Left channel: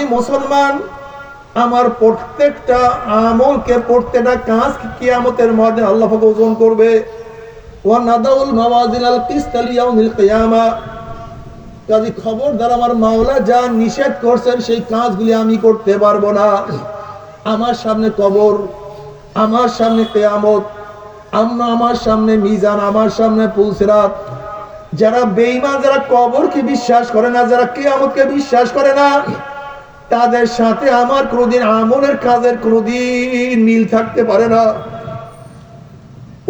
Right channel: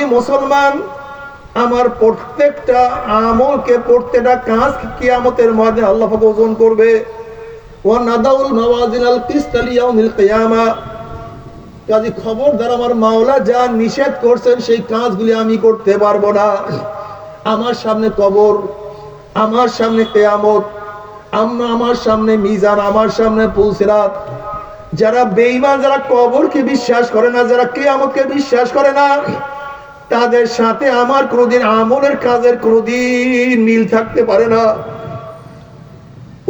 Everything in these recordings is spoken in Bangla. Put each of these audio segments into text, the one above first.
আমি মুসলমান, আমার প্রত্যেকটা আমলকে, প্রত্যেকটা কাজ কিয়ামতের ময়দানে আল্লাহ পাক ওজন করবে। ওয়া নাদাউল মাওয়াজিনাল কিসত লিয়াউমিল কিয়ামা। কাজী খবরদার, আমার মাওলা যা নিষেধ করছেন সেই কাজগুলি আমি করতে পারবো না। আমার সামনে কবর, আমার সামনে কিয়ামত, আমার সামনে মিজান, আমার সামনে পুলসিরাত। যারা বেঈমান, যারা কবরকে বিশ্বাস করে না, যারা কিয়ামতকে বিশ্বাস করে না, তাদের সাথে আমার কোনদিন আমলের কাজের কোনদিন মিল থাকতে পারে না।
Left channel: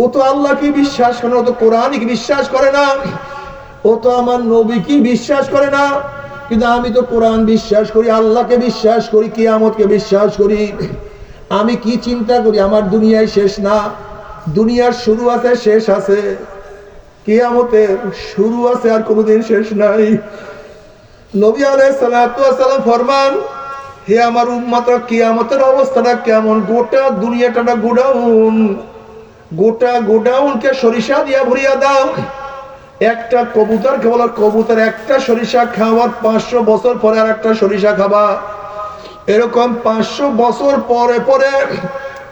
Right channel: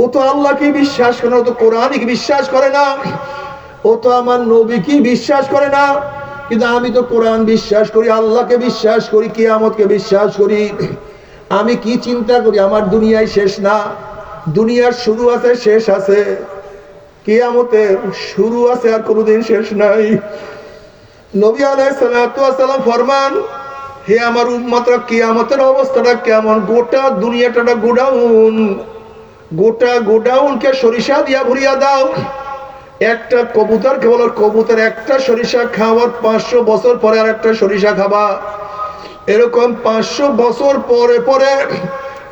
ও তো আল্লাহকে বিশ্বাস করে না, ও তো কোরআনকে বিশ্বাস করে না, ও তো আমার নবীকে বিশ্বাস করে না। কিন্তু আমি তো কোরআন বিশ্বাস করি, আল্লাহকে বিশ্বাস করি, কিয়ামতকে বিশ্বাস করি। আমি কি চিন্তা করি, আমার দুনিয়ায় শেষ না, দুনিয়ার শুরু আছে, শেষ আছে, কিয়ামতের শুরু আছে, আর কোনোদিন শেষ নাই। নবী আলাইহিস সালাতু ওয়াস সালাম ফরমান, হে আমার উম্মতরা, কিয়ামতের অবস্থাটা কেমন? গোটা দুনিয়াটা গোডাউন, গোটা গোডাউনকে সরিষা দিয়া ভরিয়া দাও। একটা কবুতরকে বলো, কবুতর একটা সরিষা খাওয়ার 500 বছর পরে আর একটা সরিষা খাবা। এরকম 500 বছর পরে পরে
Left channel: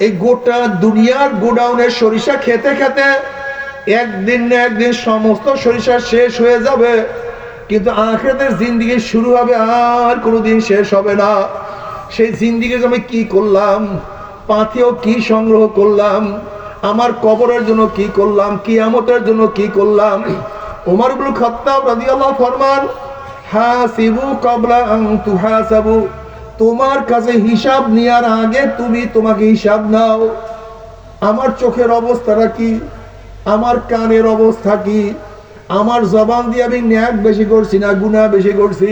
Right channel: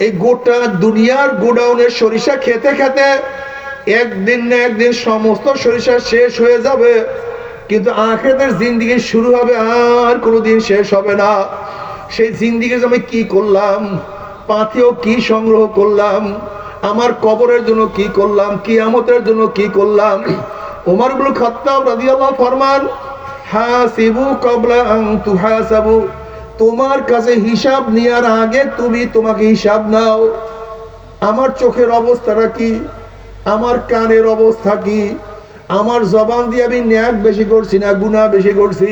এই গোটা দুনিয়ার গোডাউনের সরিষা খেতে খেতে একদিন না একদিন সমস্ত সরিষা শেষ হয়ে যাবে। কিন্তু আখিরাতের জিন্দেগি শুরু হবে, আর কোনোদিন শেষ হবে না। সেই জিন্দেগি আমি কি করলাম, পাথেও কি সংগ্রহ করলাম, আমার কবরের জন্য কি করলাম, কিয়ামতের জন্য কি করলাম। ওমর ইবনে খাত্তাব রাদিয়াল্লাহু ফরমান, হাসিবু ক্বাবলা আন তুহাসাবু। তোমার কাছে হিসাব নেওয়ার আগে তুমি তোমাকে হিসাব নাও। আমার চোখের অবস্থাটা কি, আমার কানের অবস্থা কি, আমার জবান দিয়ে আমি ন্যাক বেশি করছি না গুনাহ বেশি করছি,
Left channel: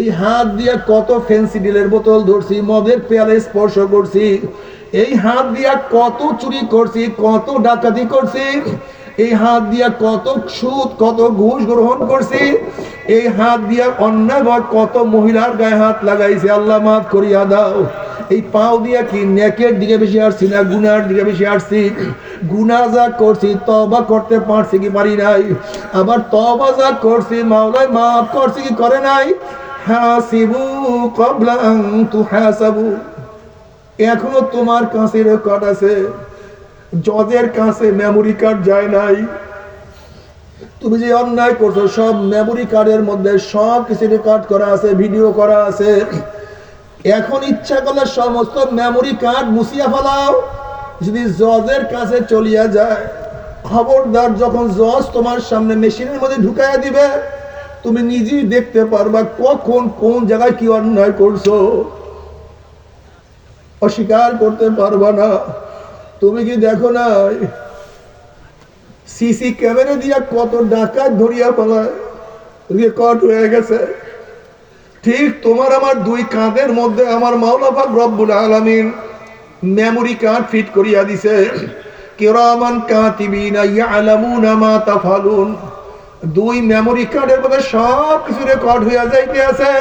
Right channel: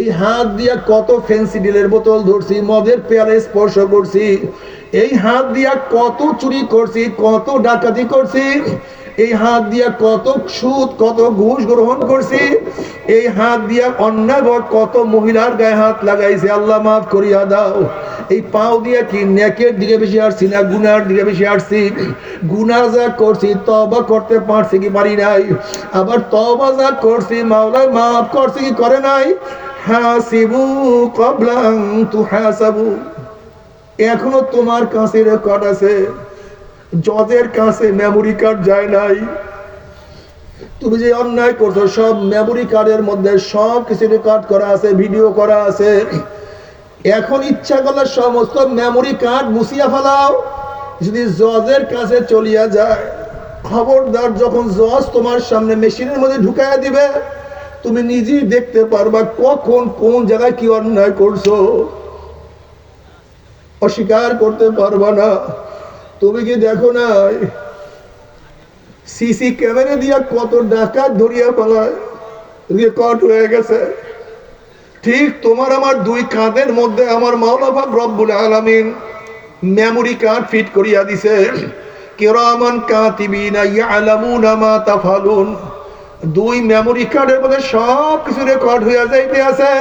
এই হাত দিয়ে কত ফেন্সিডিলের বোতল ধরছি, মদের পেয়ালে স্পর্শ করছি, এই হাত দিয়া কত চুরি করছি, কত ডাকাতি করছি, এই হাত দিয়া কত সুদ, কত ঘুষ গ্রহণ করছি, এই হাত দিয়া অন্যায় কত মহিলার গায়ে হাত লাগাইছে, আল্লাহ মাফ করিয়া দাও। এই পাও দিয়া কি নেকের দিকে বেশি আসছি না গুনার দিকে বেশি আসছি? গুনাহ যা করছি তওবা করতে পারছি কি পারি নাই? আবার তওবা যা করছি মাওলাই মাফ করছে কি করে নাই? হাসিবু ক্বাবলা আন তুহাসাবু। এখনো তোমার কাছে রেকর্ড আছে, জজের কাছে মেমোরি কার্ড যায় নাই। তুমি যে অন্যায় করছো সব মেমোরি কার্ডের মধ্যে সব কিছু রেকর্ড করা আছে, ভিডিও করা আছে। এখন ইচ্ছা করলে সমস্ত মেমোরি কার্ড মুছিয়া ফেলাও, যদি জজের কাছে চলিয়া যায়। খবরদার, যখন জজ তোমার সামনে মেশিনের মধ্যে ঢুকাইয়া দিবে, তুমি নিজেই দেখতে পারবা কখন কোন জায়গায় কি অন্যায় করছো, অস্বীকার করতে পারবা না। তুমি কি দেখো নাই সিসি ক্যামেরা দিয়া কত ডাকাত ধরিয়া ফেলায়, রেকর্ড হয়ে গেছে। ঠিক তোমার আমার দুই কাঁধের মধ্যে আমার মাওলা পাক রব্বুল আলামিন মেমোরি কার্ড ফিট করিয়া দিছে। কিরামান কাতিবিনা ইয়ালামুনা মা তাফালুন। দুই মেমোরি কার্ডের মধ্যে সব কিছু রেকর্ড হইয়া যাইতে আছে।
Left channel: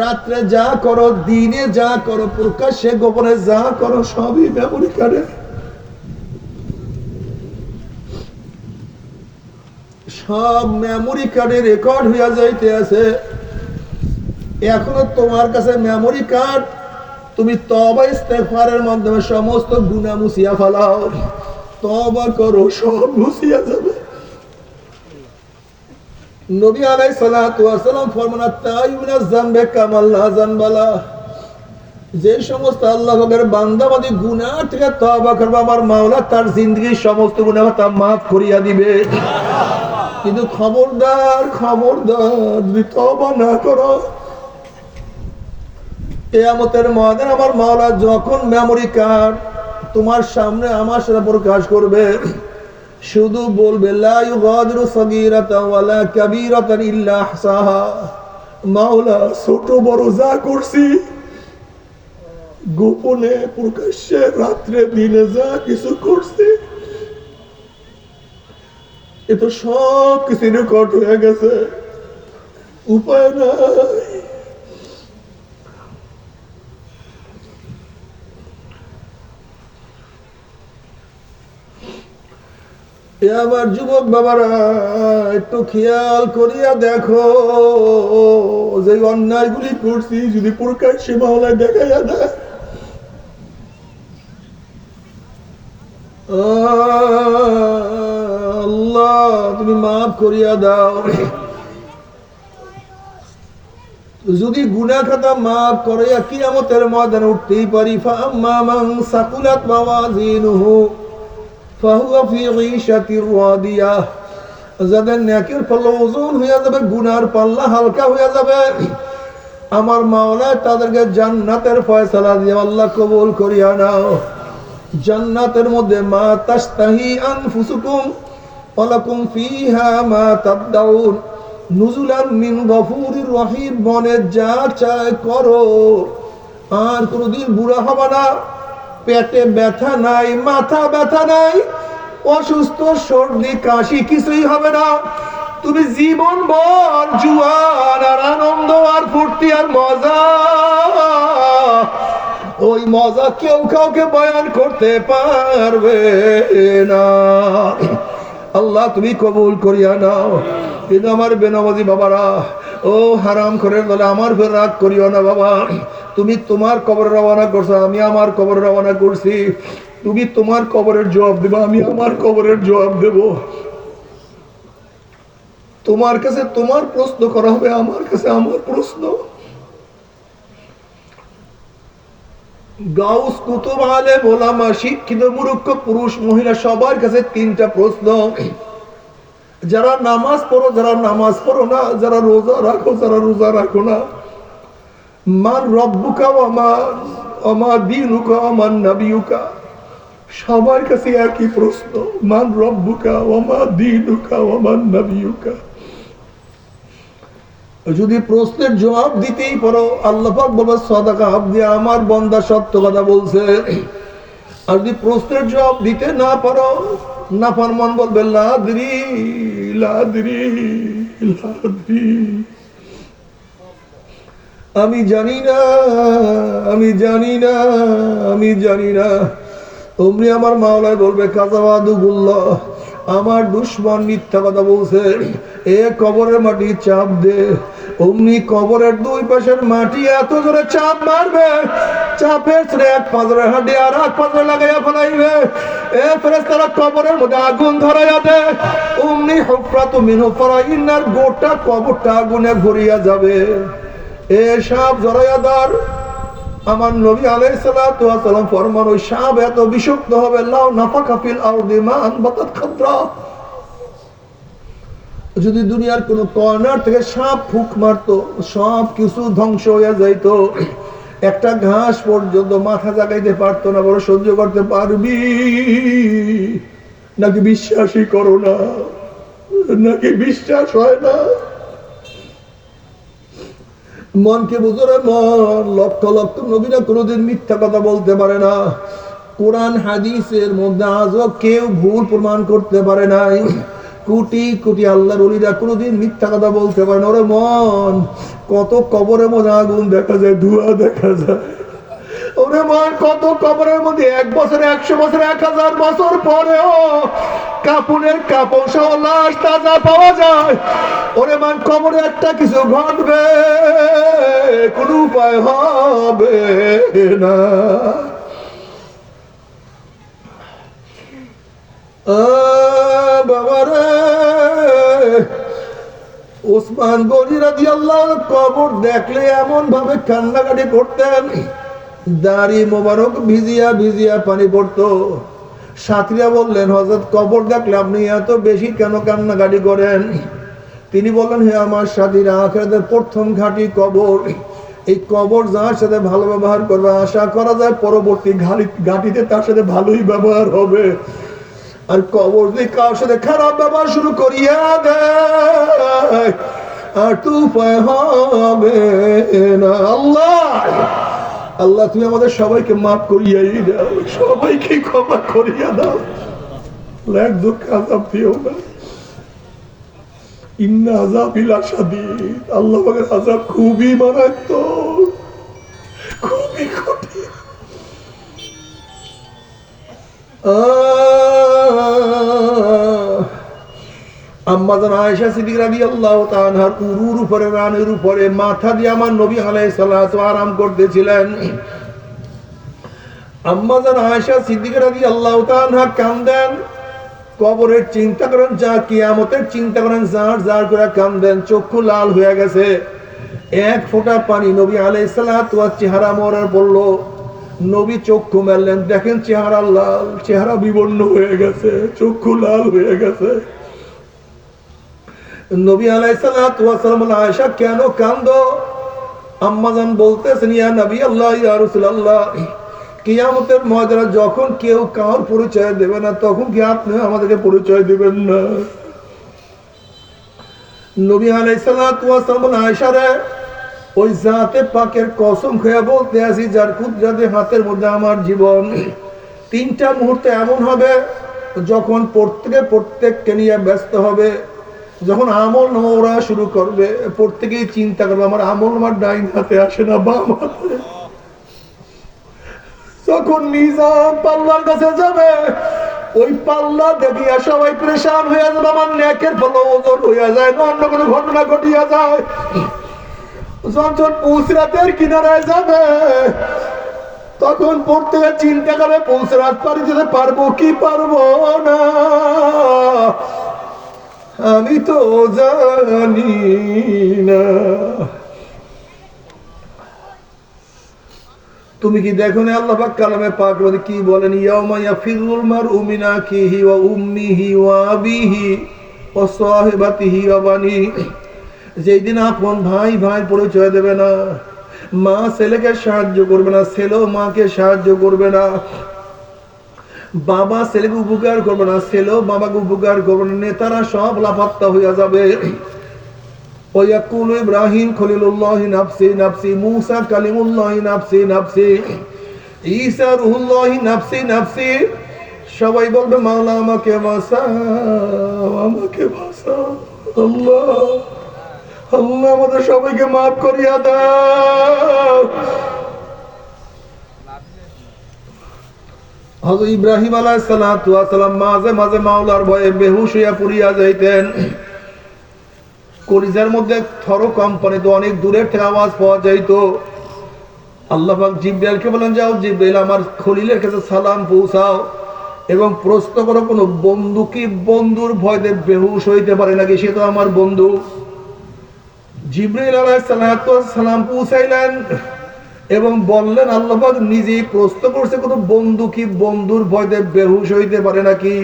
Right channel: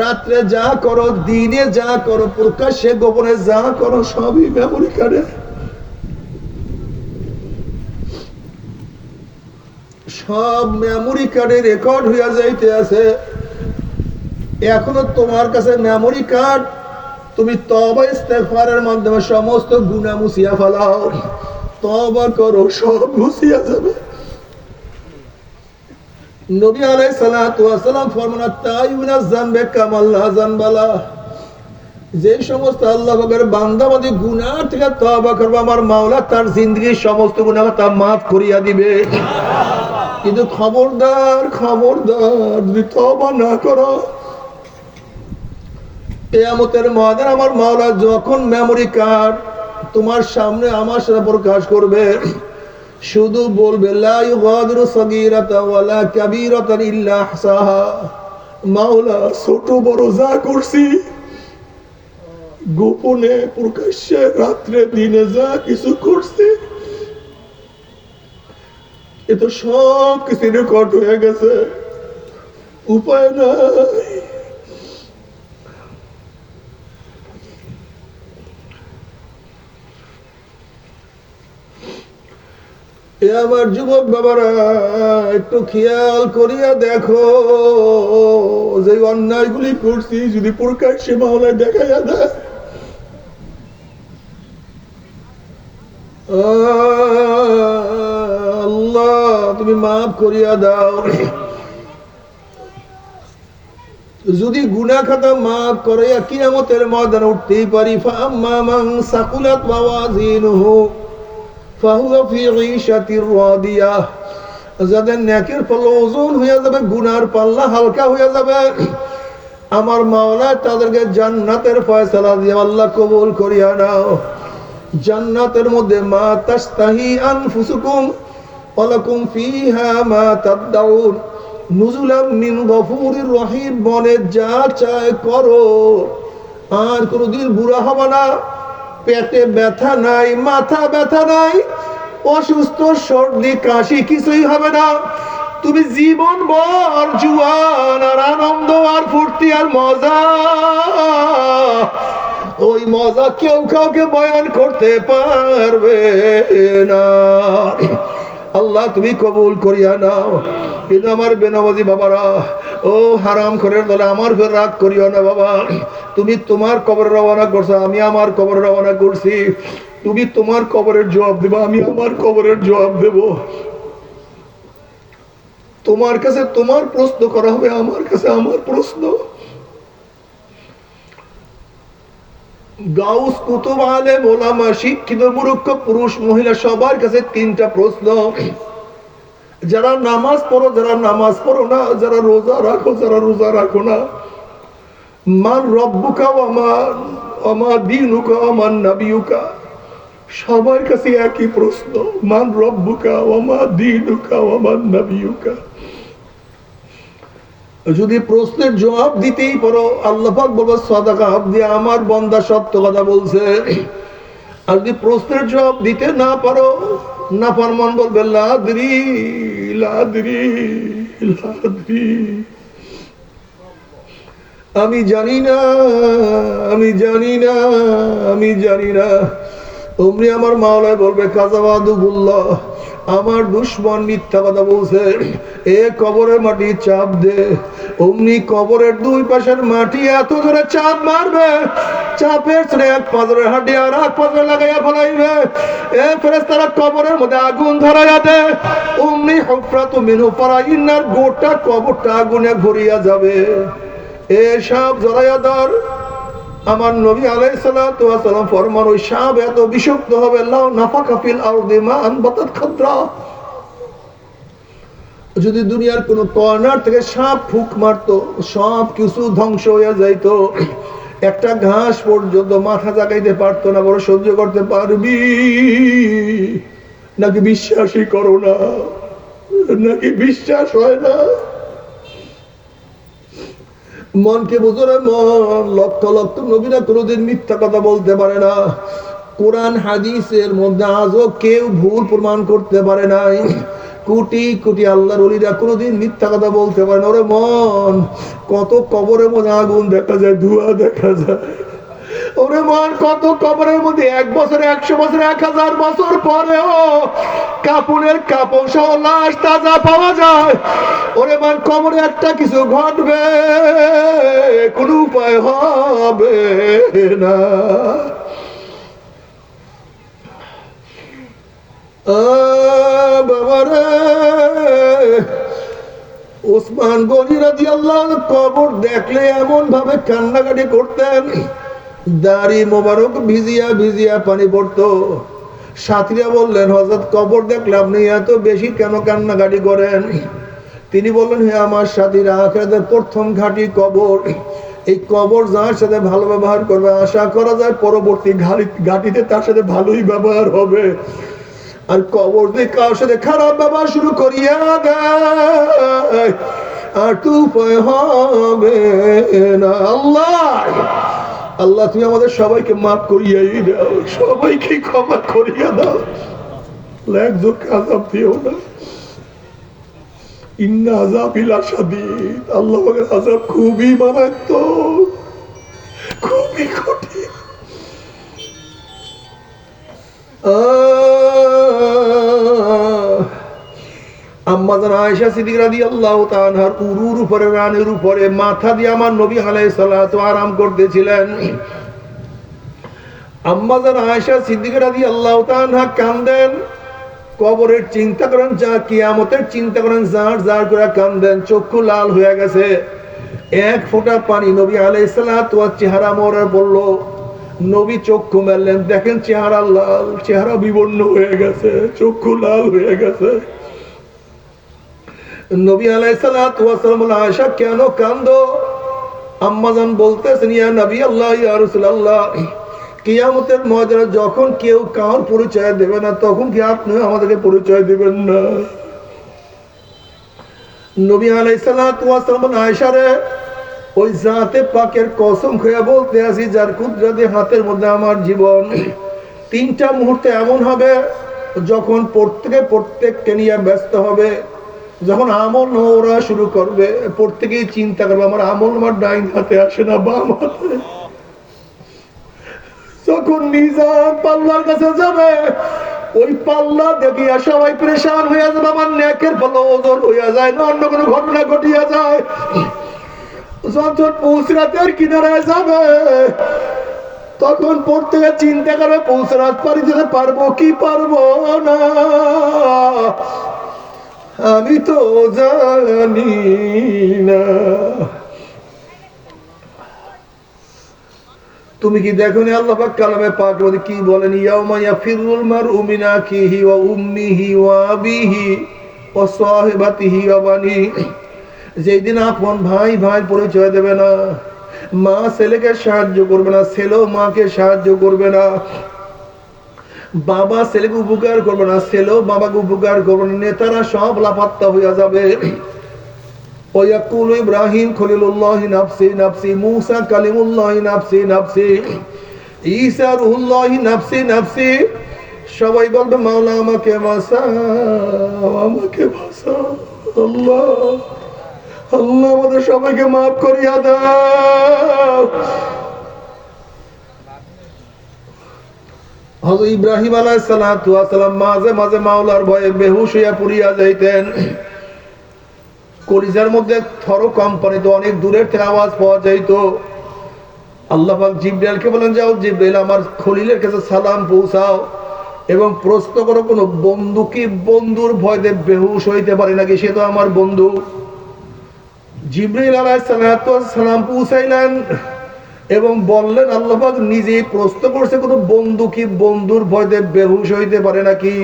রাত্রে যা করো, দিনে যা করো, প্রকাশ্যে গোপনে যা করো, সবই মেমোরি কার্ডে, সব মেমোরি কার্ডে রেকর্ড হইয়া যাইতে আছে। এখনো তোমার কাছে মেমোরি কার্ড, তুমি তওবা ইস্তেগফারের মাধ্যমে সমস্ত গুনাহ মুছিয়া ফেলাও, তওবা করো, সব মুছিয়া যাবে। নবী আলাইহিস সালাতু ওয়াস সালাম ফরমান, তাইয়ুনাজ যামবে কামাল লা যানবালা। যে সমস্ত আল্লাহর বান্দাবাদী গুনাহ থেকে তওবা করবে, আমার মাওলা তার জিন্দেগীর সমস্ত গুনাহ তা মাফ করিয়া দিবে। কিন্তু খবরদার, খবরদার, যদি তওবা না করো, কিয়ামতের ময়দানে আমার মাওলা যখন মেমোরি কার্ড তোমার সামনে আমার সাথে প্রকাশ করবে, শুধু বলবে লা ইউগাদিরু সাগীরাতান ওয়ালা কাবীরাতান ইল্লা আহসাহা। মাওলা, ছোট বড় যা করছি, গোপনে প্রকাশ্যে রাত্রে দিনে যা কিছু করছি, এটা সব কিছু রেকর্ড হয়ে গেছে, উপায় নাই। এ আমার যুবক বাবারা, একটু খেয়াল করিয়া দেখো, যে অন্যায়গুলি করছি যদি প্রকাশ্যে মাওলায় দেখা যায়, আল্লাহ তুমি মাফ করিয়া দাও। যদি গুনাহ খাতা মাফ করিয়া কিয়ামতের ময়দানে উঠতেই পারি, ফাআম্মা মান সাকুলাত মাওয়াজিনুহু ফাহুয়া ফি ঈশাতির রাদিয়াহ, যাদের নেকের পাল্লা ওজন হয়ে যাবে, গুনার পাল্লা হালকা হয়ে যাবে, আমার মাওলা তাদেরকে জান্নাতের ফয়সালা দিয়ে আল্লাহ কবুল করিয়া নাও। জান্নাতের মধ্যে মা তাশতাহি আনফুসুকুম ওয়া লাকুম ফিহা মা তাদউন নুজুলাম মিন গফুরির রহিম, মনে যা চায় করো, আর কোনোদিন বুড়া হবে না, পেটে ব্যথা নাই, মাথা ব্যথা নাই, অসুস্থ সর্দি কাশি কিছুই হবে না। তুমি জীবন ভর জুয়ান আর আনন্দ আর ফুর্তি আর মজা, ওই মজা কেউ কাউকে বয়ান করতে পারবে না। আল্লাহ তুমি কবুল করিয়া নাও। কিন্তু আমার বেনামাজি বাবারা, ও হারাম খোরের দলে, আমার ফের রাগ করিও না বাবা। তুমি তোমার কবরে রওনা করছো, আমি আমার কবরে রওনা করছি। তুমি তোমার কবরের জবাব দেবো, আমি আমার কবরের জবাব দেব। তোমার কাছে তোমার প্রশ্ন করা হবে, আমার কাছে আমার প্রশ্ন। গাউস, কুতুব, আলেম, ওলামা, শিক্ষিত, মূর্খ, পুরুষ, মহিলা, সবার কাছে তিনটা প্রশ্ন। যারা নামাজ পড়ো, যারা নামাজ পড়ো না, যারা রোজা রাখো, যারা রোজা রাখো না, মান রব্বুকা ওয়া মা দীনুকা ওয়া মান নাবিয়ুকা, সবার কাছে একই প্রশ্ন, মান রব্বুকা ওয়া মা দীনুকা ওয়া মান নাবিয়ুকা। যদি প্রশ্নের জবাব দিতেই পারো, আল্লাহ পাক বলবে সাদাকা আবদি, আমার বান্দা সত্য কথা বলছে। আর যদি প্রশ্নের জবাব দিতে না পারো, নাফরমান বলবে লাদ্রি লাদ্রি লাদ্রি, আমি জানি না, আমি জানি না, আমি জানি না। অমনি আমার মাওলায় বলবে কাযাবাদুল্লাহ, আমার দুশমন মিথ্যা কথা বলছে, এ কবরের মাটি চাপ দে। অমনি কবরের দুই পাশের মাটি এত জোরে চাপ মারবে, চাপের ছেড়ে এক পাঁজরের হাঁটি আর এক পাঁজরে লাগাইয়া ফেলাইবে। এ ফেরেশতারা কবরের মধ্যে আগুন ধরাইয়া দেয়। অমনি হুফরাতু মিনহু ফারাইনার, গোটা কবরটা আগুনে ভরিয়া যাবে। এ সাপ জরায়াদার, আমার নবী আলাইহিস সালাতু ওয়াস সালাম ফরমান, ওই সাপ এত বিষাক্ত হবে, লাউ নাফাকা ফিল আরদি মা আনবাতাত খাদরা, যদি দুনিয়ার কোন কর্নার থেকে সাপ ফুক মারতো, সব কিছু ধ্বংস হয়ে যাইত, একটা ঘাস পর্যন্ত মাথা জাগাইতে পারতো না। বড় সহ্য করতে পারবি নাকি বিশ্বাসই করো না, নাকি বিশ্বাস হয় না? মনকে বুঝরে মন, লক্ষ লক্ষ নবীরা কোনোদিন মিথ্যা কথা বলতে পারে না। কোরআন হাদিসের মধ্যে আজও কেউ ভুল প্রমাণ করতে পারে নাই। কোটি কোটি আল্লাহর ওলিরা কোনোদিন মিথ্যা কথা বলতে পারে না। ওরে মন, কত কবরের মধ্যে আগুন দেখা যায়, ধোঁয়া দেখা যায়। ওরে মন, কত কবরের মধ্যে 1 বছর, 100 বছর, 1000 বছর পরেও কাপুনের কাপড় সহ লাশ তাজা পাওয়া যায়। ওরে মন, কবরে একটা কিছু ঘটবে, কোন উপায় হবে না। বাবারে, ওসমান গনি রাদিয়াল্লাহু আনহু কবর দেখলে এমন ভাবে কান্নাকাটি করতেন, দাড়ি মোবারক ভিজিয়া ভিজিয়া পানি পড়তো। সাথীরা বললেন, হযরত কবর দেখলে আপনি এত বেশি কেন কান্নাকাটি করেন? তিনি বললেন, হে আমার সাথীরা, আখিরাতের প্রথম ঘাঁটি কবর। এই কবর যার সাথে ভালো ব্যবহার করবে, আশা করা যায় পরবর্তী ঘাঁটিতে তার সাথে ভালোই ব্যবহার হবে। আর কবর দিয়ে কার সাথে খারাপ ব্যবহার শুরু করিয়া দেয়, আর তো উপায় হবে না। আল্লাহ আল্লাহ তুমি আমাদের সবাইকে মাফ করিয়াই দাও, সবাইকে ক্ষমা করিয়া দাও, এক দুঃখ আযাব দিও না। ইন্না আযাবি লাশাদীদ, আল্লাহ পাকের আযাব খুবই মারাত্মক, খুবই কঠিন। আম্মা জান আয়েশা সিদ্দিকা রাদিয়াল্লাহু তাআলা আনহার উরুর উপরে রানের উপরে মাথা দিয়ে আমার নবী আলাইহিস সালাতু আরাম করতেছিলেন। আম্মা জান আয়েশা সিদ্দিকা রাদিয়াল্লাহু তাআলা আনহা কাঁদেন, কবরের চিন্তা করেন, যা কিয়ামতের চিন্তা করেন, জার জার করে কাঁদেন, চক্ষু লাল হয়ে গেছে। এক ফোঁটা পানি নবী আলাইহিস সালাতু ওয়াস চেহারা মোড়ে বলল। নবী চক্ষু মেললেন, দেখেন চেহারা লাল, চেহারা বিবর্ণ হয়ে গেছে, চক্ষু লাল হয়ে গেছে। নবী আলাইহিস সালাতু ওয়াস সালাম বললেন, আয়েশা কেন কাঁদো? আম্মা জান বলতেছেন, ইয়া নবী আল্লাহ, ইয়া রাসূলুল্লাহ, কিয়ামতের ময়দানে যখন কেউ কার পরিচয় দেবে না, তখন কি আপনি আমাদেরকে পরিচয় দিবেন না? নবী আলাইহিস সালাতু ওয়াস সালাম বললেন, আয়েশা রে, ওই জাতে পাকের কসম খেয়ে বলতে আছি, যার কুদরতে হাতের মধ্যে আমার জীবন, 3টা মুহূর্তে এমন হবে যখন প্রত্যেককে নিয়ে ব্যস্ত হবে। যখন আমল ওরা শুরু করবে, প্রত্যেকেই চিন্তা করবে আমার আমল আমার ডাইন হাতে আসে না বাম হাতে। যখন মিজান পাল্লার কাছে যাবে, ওই পাল্লা দেখিয়া সবাই পরেশান হয়ে যাবে, আমার নেকের পাল্লা ওজন হইয়া যায় না, অন্য কোনো ঘটনা ঘটিয়া যায়। যখন পুসরাতের কিনারায় যাবে, তখন প্রত্যেকে চিন্তা করবে পুসরাত পারি যেতে পারবো কি পারবো না, আমি তো জানি না। তুমি কি দেখো না আল্লাহ পাক কালামে পাক মধ্যে কি বলেন, ইয়াউমা ইয়াফিরুল মারউ মিন আখিহি ওয়া উম্মিহি ওয়া আবিহি ওয়া সাহিবাতিহি ওয়া বানিহি, যেদিন আপন ভাই ভাইয়ের পরিচয় দেবে না, মা ছেলেকে সাহায্য করবে না, ছেলেও মাকে সাহায্য করবে না, বাবা ছেলেকে উপকার করবে না, ছেলেও বাবাকে উপকার করবে না, নেতারা সব লাপাত্তা হইয়া যাবে। ওয়াকুলু ইব্রাহিম খলিলুল্লাহি নাফসি নাফসি, মূসা কালিমুল্লাহি নাফসি নাফসি, ঈসা রূহুল্লাহি নাফসি নাফসি। সবাই বলবে মাওলা আমাকে বাঁচাও, আমাকে বাঁচাও। আল্লাহ আল্লাহ আমাদের সবাইকে মাফ করিয়া দাও। হযরত ইব্রাহিম আলাইহিস সালাতু ওয়াস সালাম মাঝে মাঝে মাওলার ভয়ে বেহুশ হইয়া পড়িয়া যাইতেন। কলিজার মধ্যে থর কম্পানিতে অনেক দূরের থেকে আওয়াজ পাওয়া যাইত। আল্লাহ পাক জিবরাইলকে বলেন, যাও জিবরাইল আমার খলিলের কাছে সালাম পৌঁছাও এবং প্রশ্ন করো কোন বন্ধু কি বন্ধুর ভয়তে বেহুশ হইতে পারে নাকি, সে তো আমার বন্ধু। জিবরাইল আলাইহিস সালাম পৌঁছাইলেন এবং বললেন, আল্লাহ পাক নিজেই প্রশ্ন করছে কোন বন্ধু কি বন্ধুর ভয়তে বেহুশ হইতে পারে নাকি।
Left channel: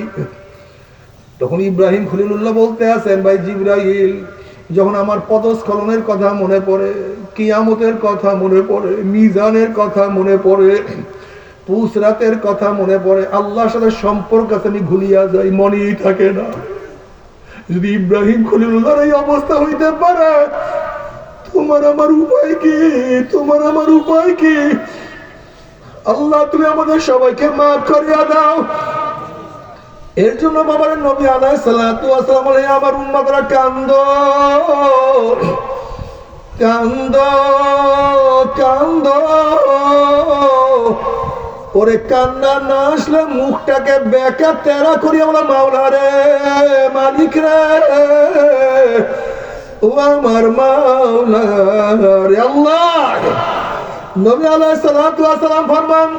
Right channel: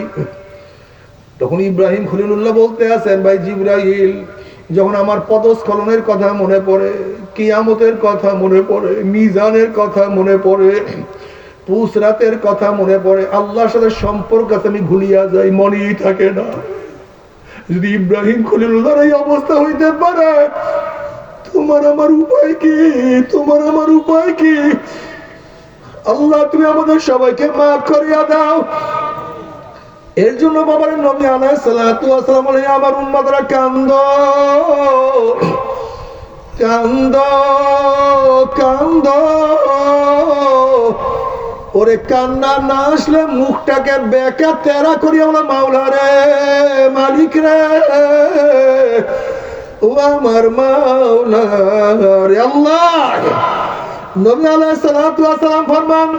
তখন ইব্রাহিম খলিলুল্লাহ বলতে আছেন, ভাই জিবরাইল, যখন আমার পদস্খলনের কথা মনে পড়ে, কিয়ামতের কথা মনে পড়ে, মিজানের কথা মনে পড়ে, পুসরাতের কথা মনে পড়ে, আল্লাহর সাথে সম্পর্ক আমি ভুলিয়া যাই, মনেই থাকে না। যদি ইব্রাহিম খলিলুল্লাহর এই অবস্থা হইতে পারে, তোমার আমার উপায় কি? তোমার আমার উপায় কি? আল্লাহ তুমি আমাদের সবাইকে মাফ করিয়া দাও। এর জন্য বাবার নবী আলাইহিস সালাতু ওয়াস সালাম বলে, আমার উম্মতরা কান্দো কান্দো কান্দো, ওরে কান্না না আসলে মুখটাকে বেঁকা তেরা করি আমরা, মাওলা রে, মালিক রে, ও আমার মাওলা রে আল্লাহ। নবী আলাইহিস সালাতু ওয়াস সালাম ফরমান,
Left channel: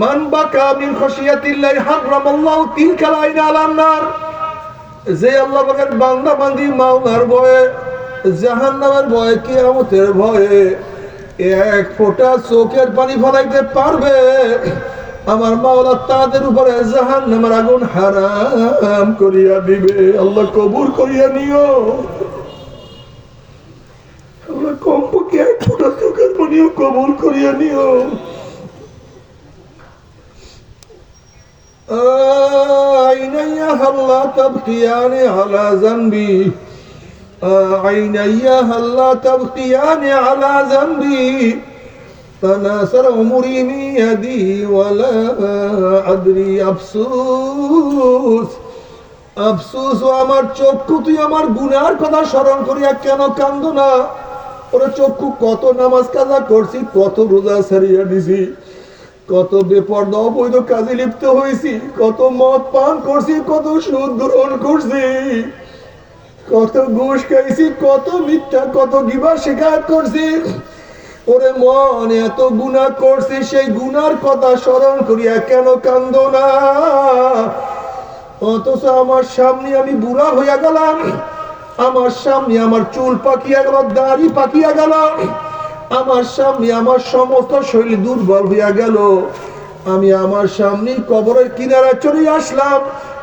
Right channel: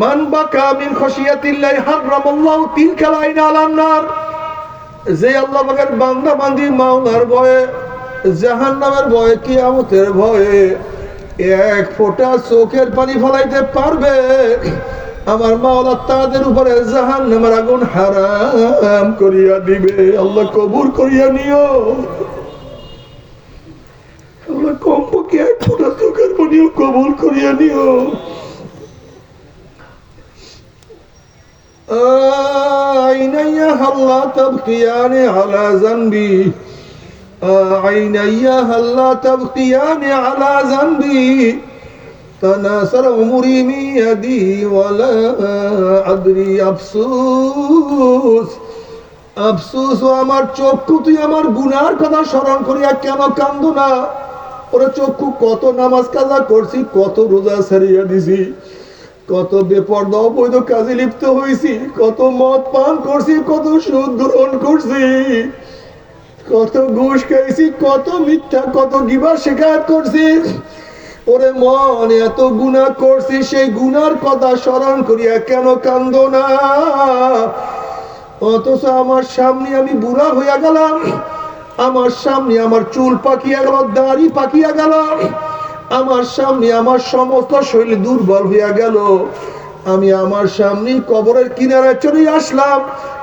মান বাকা মিন খাশিয়াতিল্লাহি হারামাল্লাহু তিলকাল আইনা আলান নার, যে আল্লাহ পাকের বান্দা বান্দি মাওলার ভয়ে, জাহান্নামের ভয়ে, কিয়ামতের ভয়ে এক ফোঁটা চোখের পানি ফলাইতে পারবে, আমার মাওলা তাদের উপরে জাহান্নামের আগুন হারাম করিয়া দিবে। আল্লাহ কবুল করিয়া নিও। আল্লাহ কমপক্ষে এক ফোঁটা চোখের পানিও কবুল করিয়া নিও। عيني هلا تبكيان على ذنبي، عيني هلا تبكيان على ذنبي، تناثر عمري من يدي ولا أدري أفسوس أفسوس। আমার চক্ষু তুই আমার গুনার কথা স্মরণ করিয়া কেন কান্দো না? ওরে চক্ষু, কত নামাজ কাজা করছি, কত রোজা ছাড়িয়া দিছি, কত বেপরদা অবৈধ কাজে লিপ্ত হয়েছি, কত মদ পান করছি, কত সুদ গ্রহণ করছি, কত ঘুষ খাইছি, কত মিথ্যা, কত গিবা শিকায়ত করছি। ওরে মনে এত গুনাহ করছি, সেই গুনার কথা স্মরণ করিয়া কেন কান্দ না? অথচ আমার সামনে আমি বুড়া হইয়া গেলাম, আমার সামনে আমার চুল পাকিয়া গেল, দাড়ি পাকিয়া গেল, আমার সামনে আমার সমস্ত শরীর দুর্বল হইয়া গেল। আমি আমার সামনেই কবরের কিনারে চলে আসলাম,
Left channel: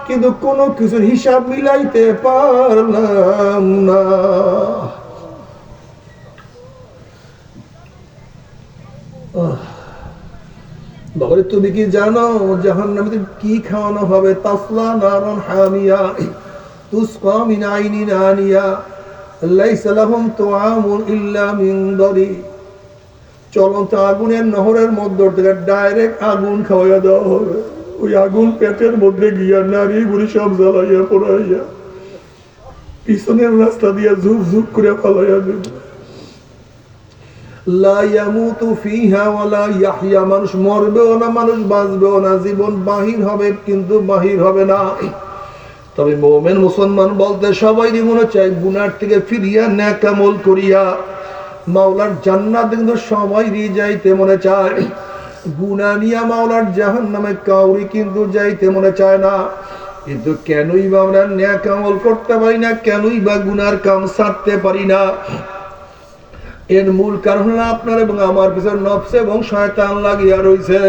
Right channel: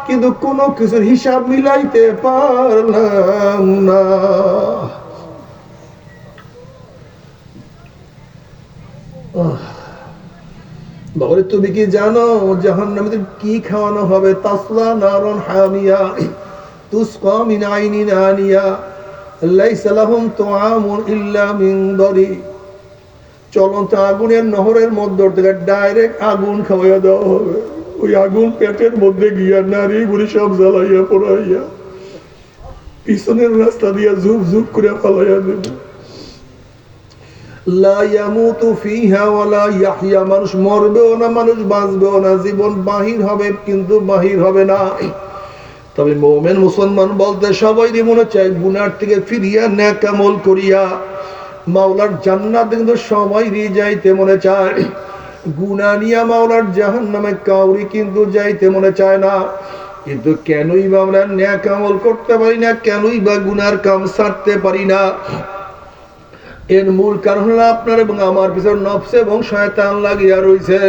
কিন্তু কোনো কিছুর হিসাব মিলাইতে পারলাম না। বাবারে, তুমি কি জানো জাহান্নামীদের কি খাওয়ানো হবে? তাসলা নারুন হামিয়া তুসকা মিন আইনিন আনিয়া লাইসা লাহুম তুআমুন ইল্লা মিন দরি। চলন্ত আগুনের নহরের মধ্য থেকে ডাইরেক্ট আগুন খাওয়াইয়া দেওয়া হবে। ওই আগুন পেটের মধ্যে গিয়া নারী বুড়ি সব জ্বালাইয়া পোড়াইয়া পিছনের রাস্তা দিয়া ঝুপ ঝুপ করে ফালাইয়া দেবে। লা ইয়ামুতু ফিহা ওয়ালা ইয়াহইয়া, মানুষ মরবেও না, মানুষ বাঁচবেও না, জীবন বাহির হবে কিন্তু বাহির হবে না। তবে মুমিন মুসলমান বলতে সবাই মনে চায় গুনার থেকে ফিরিয়া নেক আমল করিয়া মাওলার জান্নাত কিন্তু সবাইরই যাইতে মনে চায়। গুনাহ নিয়া মাওলার জাহান্নামে কাউরি কিন্তু যাইতে মনে চায় না। কিন্তু কেনই বা আমরা নেক আমল করতে পারি না, কেনই বা গুনার কাম ছাড়তে পারি না? এর মূল কারণ হলো আপনার এবং আমার পিছনে নফস এবং শয়তান লাগিয়া রয়েছে।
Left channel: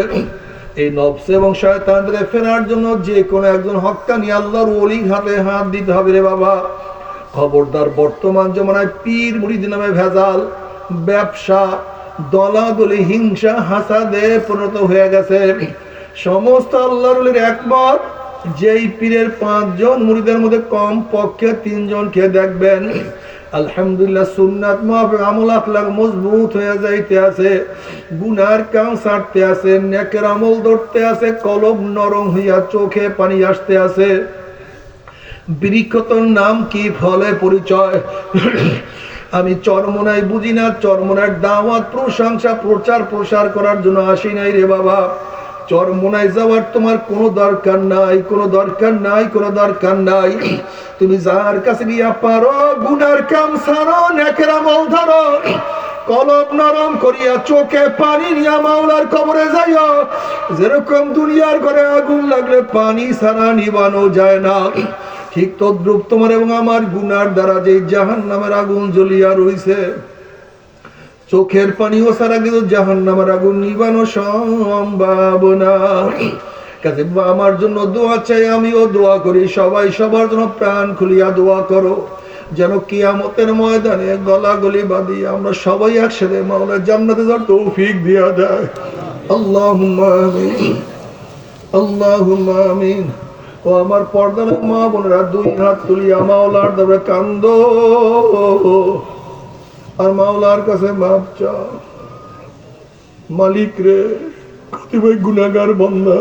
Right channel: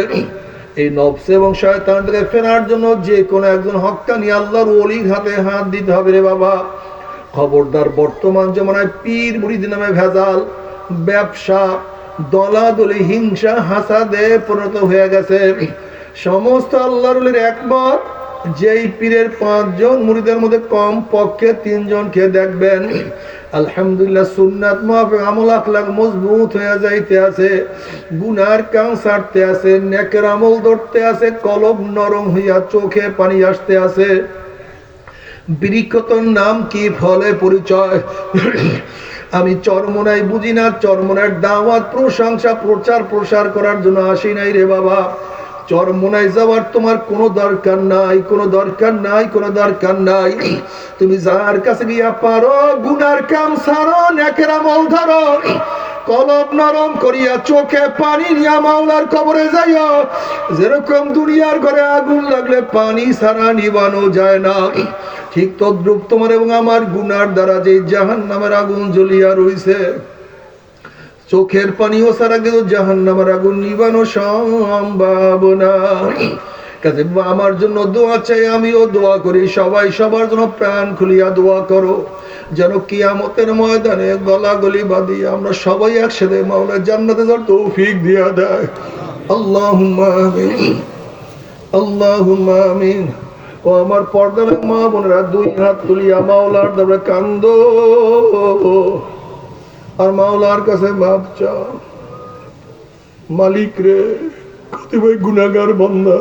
এই নফস এবং শয়তান থেকে ফেরার জন্য যে কোনো একজন হক্কানি আল্লাহর ওলির হাতে হাত দিতে হবে রে বাবা। খবরদার, বর্তমান জমানায় পীর মুরিদ নামে ভেজাল, ব্যবসা, দলাদলি, হিংসা, হাসাদে পরিণত হয়ে গেছে। সমস্ত আল্লাহর ওলির একমত, যেই পীরের 5 জন মুরিদের মধ্যে কম পক্ষে 3 জনকে দেখবেন আলহামদুলিল্লাহ সুন্নাত মুআফিক আমল আখলাক মজবুত হয়ে যাইতে আছে, গুনার কাম ছাড়তে আছে, নেকের আমল ধরতে আছে, কলব নরম হইয়া চোখে পানি আসতে আছে। বৃক্ষতর নাম কি, ফলে পরিচয়। আমি চরমনাই বুঝি না, চরমনার দাওয়াত প্রশংসা প্রচার প্রসার করার জন্য আসি নাই রে বাবা। চরমনায় যাওয়ার তোমার কোনো দরকার নাই, কোনো দরকার নাই, কোনো দরকার নাই। তুমি যার কাছে গিয়া পারো গুনার কাম ছাড়ো, নেকের আমল ধরো, কলব নরম করিয়া চোখে পানি নিয়া মাওলার কবরে যাইও। যেরকম দুনিয়ার ঘরে আগুন লাগলে পানি ছাড়া নিবানো যায় না, ঠিক তদ্রূপ তোমার এবং আমার গুনার দ্বারা যে জাহান্নামের আগুন জ্বলিয়া রইছে, চোখের পানিও ছাড়া কিন্তু জাহান্নামের আগুন নিবানো সম্ভব না। কাজে আমার জন্য দোয়া চাই, আমিও দোয়া করি, সবাই সবার জন্য প্রাণ খুলিয়া দোয়া করো, যেন কিয়ামতের ময়দানে গলাগলি বাঁধি আমরা সবাই একসাথে মাওলার জান্নাতে যাওয়ার তৌফিক দিয়া দেয়। আল্লাহুম্মা আমিন, আল্লাহুম্মা আমিন। ও আমার পর্দার মা বোনেরা, 2 হাত তুলিয়া মাওলার দরবারে কান্দো আর মাওলার কাছে মাপ চাও। মালিক রে, কতিপয় গুনাহগার বান্দা